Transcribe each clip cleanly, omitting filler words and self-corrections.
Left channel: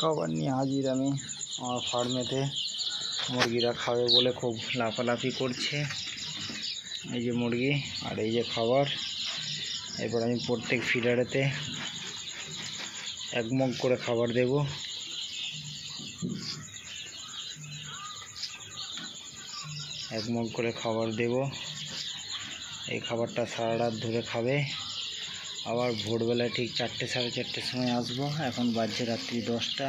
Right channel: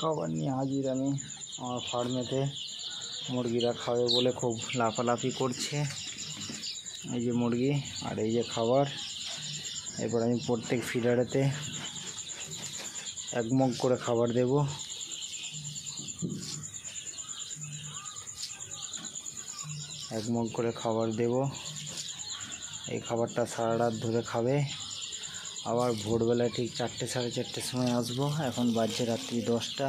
খাবার নিয়ে হাজির আমি আমার ফার্মেতে। মুরগিরা খাবে বলে খুব লাফালাফি করছে। এই যে মুরগি আর এই যে খাবার। এরপর আমি প্রত্যেক ফিডারেতে 1 মগ করে খাবার দেব। এই খাবারটা সারা রাত ধরে খাবে। আবার ভোরবেলায় ঠিক 4টে সাড়ে 4টের সময় আসবো। এখন বাজছে রাত্রি 10টা।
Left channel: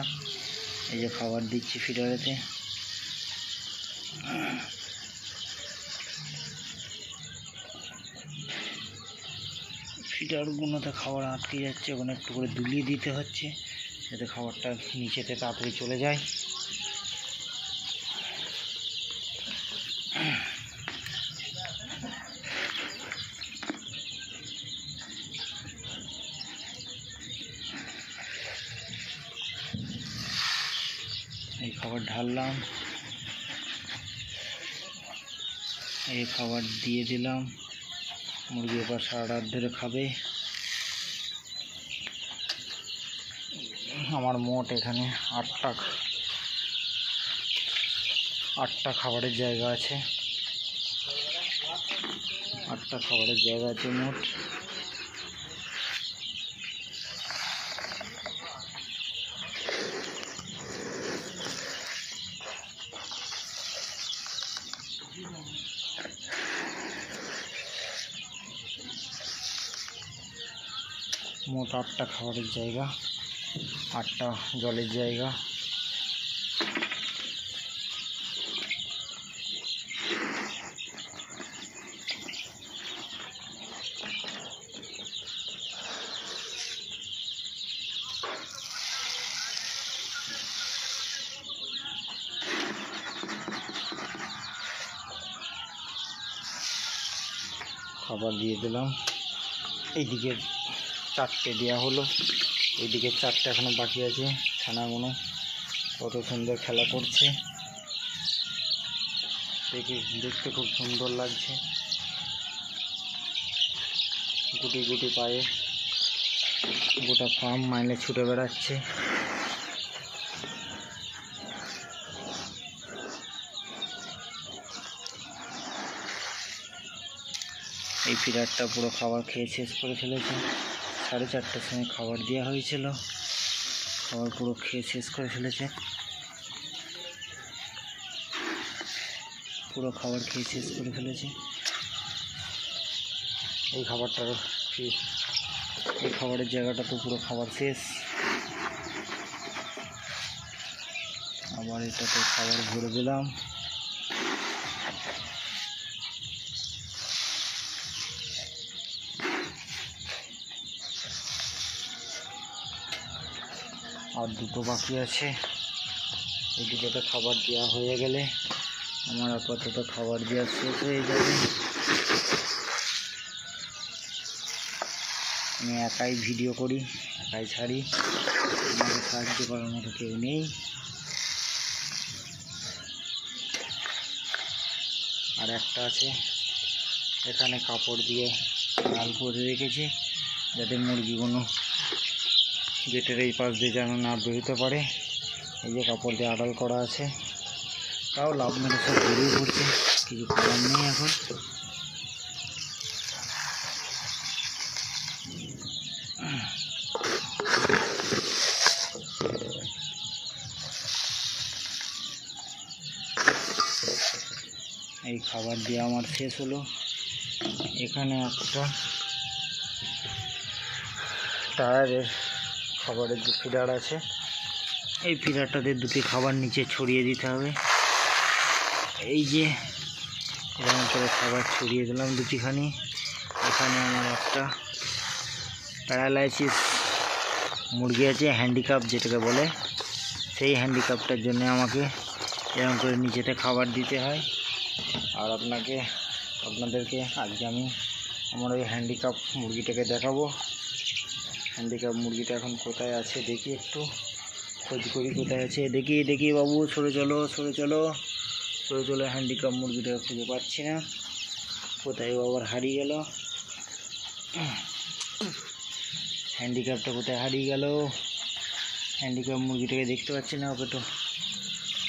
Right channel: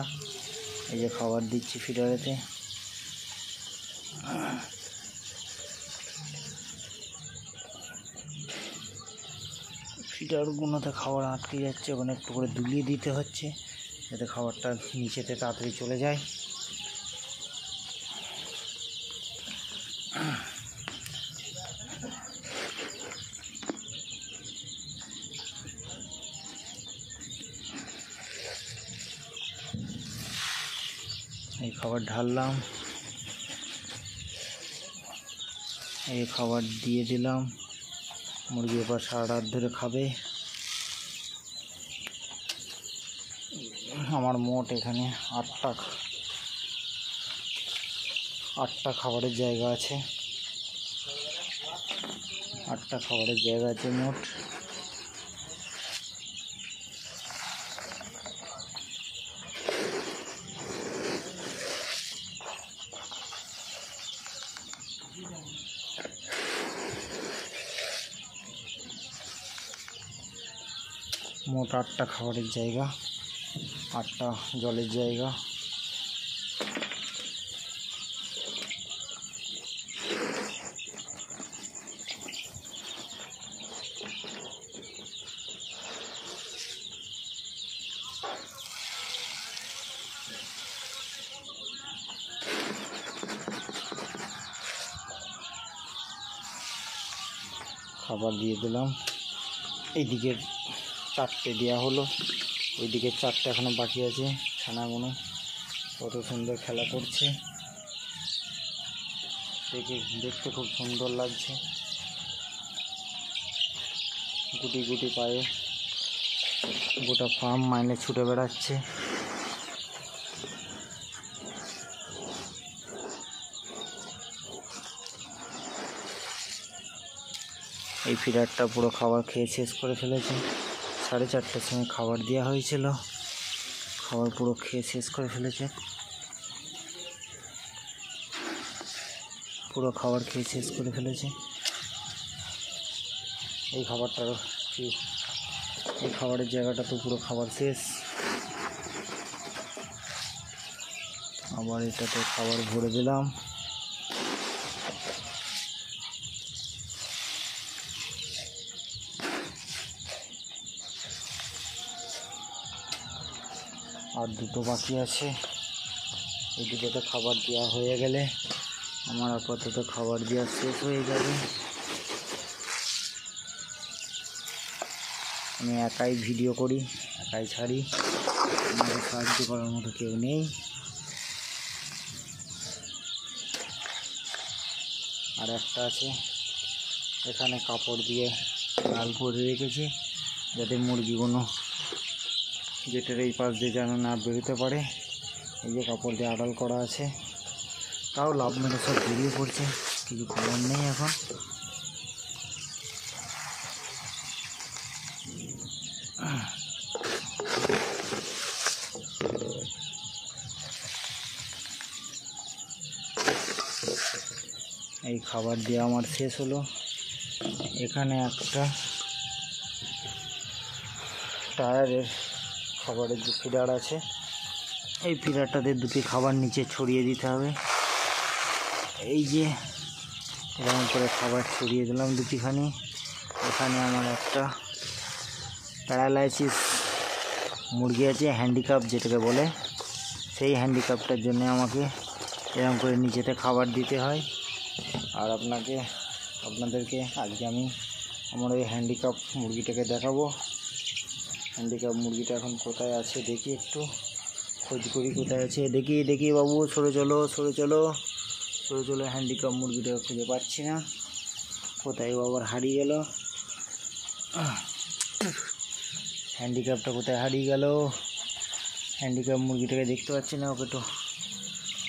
এই যে খাবার দিচ্ছি ফিডারেতে। ফিডারগুলোতে খাবার আটকে যাচ্ছে, ওখানে একটু করে দুলিয়ে দিতে হচ্ছে যাতে খাবারটা নিচেতে তাড়াতাড়ি চলে যায়। এই খাবার ঢাললাম, এই খাবার দিয়ে দিলাম। মুরগি এবার সারা রাত ধরে খাবে। আমার মোট এখানে 8টা খাবারের জায়গা আছে। 8টা খাবারের জায়গা আছে মোট। মোট 8টা খাবারের জায়গা, 8টা জলের জায়গা। খাবার দিয়ে দিলাম। এইদিকে 4টে দেওয়া হলো, ওইদিকে 4টে এখনো বাকি আছে। ছানাগুলো কত সুন্দর খেলা করছে, দেখতে খুব সুন্দর লাগছে। গুটি গুটি পায়ে গোটা ফার্ম মাইনে ছুটে বেড়াচ্ছে। এই ফিডারটা পুরো খাবার খেয়ে শেষ করে ফেলেছে। 4:30টার সময় খাবার দেওয়া হয়েছিল, খাবার পুরো খেয়ে শেষ করে ফেলেছে। এই খাবারের জায়গাটা তো পুরো খাবার শেষ। আবার এটাতে খাবার ভরে দিলাম। আর 2টো বাকি আছে। এই 2টোতে খাবার দেওয়া হয়ে গেলে আমার আপাতত খাবার দেওয়া শেষ হয়ে যাবে। আমি একাই ভিডিও করি, একাই ছাড়ি, আমাকে সাহায্য করার মতো কেউ নেই। আর একটা আছে, এখানে কাপড় দিয়ে লাল করে রেখেছি যাতে মুরগিগুলো গেটের এই পাশ দিয়ে যেন না বেরোতে পারে। এই যে কাপড় দিয়ে আড়াল করা আছে, তাও লাভ মেরে সব বেরিয়ে পড়ছে, কিছু করার নেই এখন। এই খাবার দিয়ে আমার শেষ হলো। এখানে একটা টায়ারের খাবারের যে ফিডার আছে, এই ফিডারটাতে 2টি খাবার নিচে ছড়িয়ে দিতে হবে। এই যে এরকম করে খাবার ছড়িয়ে দিলাম 2টিখানি। এখানে আমার একটা প্যারালাইসিস মুরগি আছে, হ্যান্ডিক্যাপ যেটাকে বলে, সেই হ্যান্ডিক্যাপটার জন্য আমাকে এরকম করে নিচেতে খাবার দিতে হয়। আর আপনাদেরকে আজকে আমি আমার ওই হ্যান্ডিক্যাপ মুরগিটাকে দেখাবো। হ্যান্ডিক্যাপ মুরগিটা এখন কোথায় আছে দেখি, একটু খোঁজ করি কোথায় আছে। দেখি বাবু, সরে চলো। হ্যান্ডিক্যাপ মুরগিটাকে খুঁজে পাচ্ছি না, কোথায় আবার হারিয়ে গেল। হ্যান্ডিক্যাপটা কোথায় হারিয়ে গেল? হ্যান্ডিক্যাপ মুরগিটাকে দেখতে পাচ্ছি না, ওকে তো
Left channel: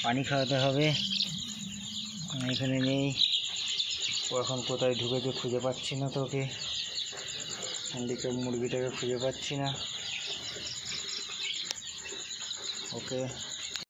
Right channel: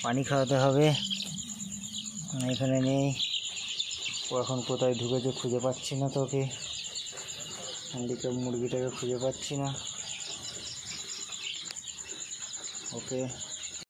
পানি খাওয়াতে হবে। এখানে নেই, ও এখন কোথায় ঢুকেছে খুঁজে পাচ্ছি না। তো ওকে হ্যান্ডিক্যাপ মুরগিটাকে খুঁজে পাচ্ছি না। ওকে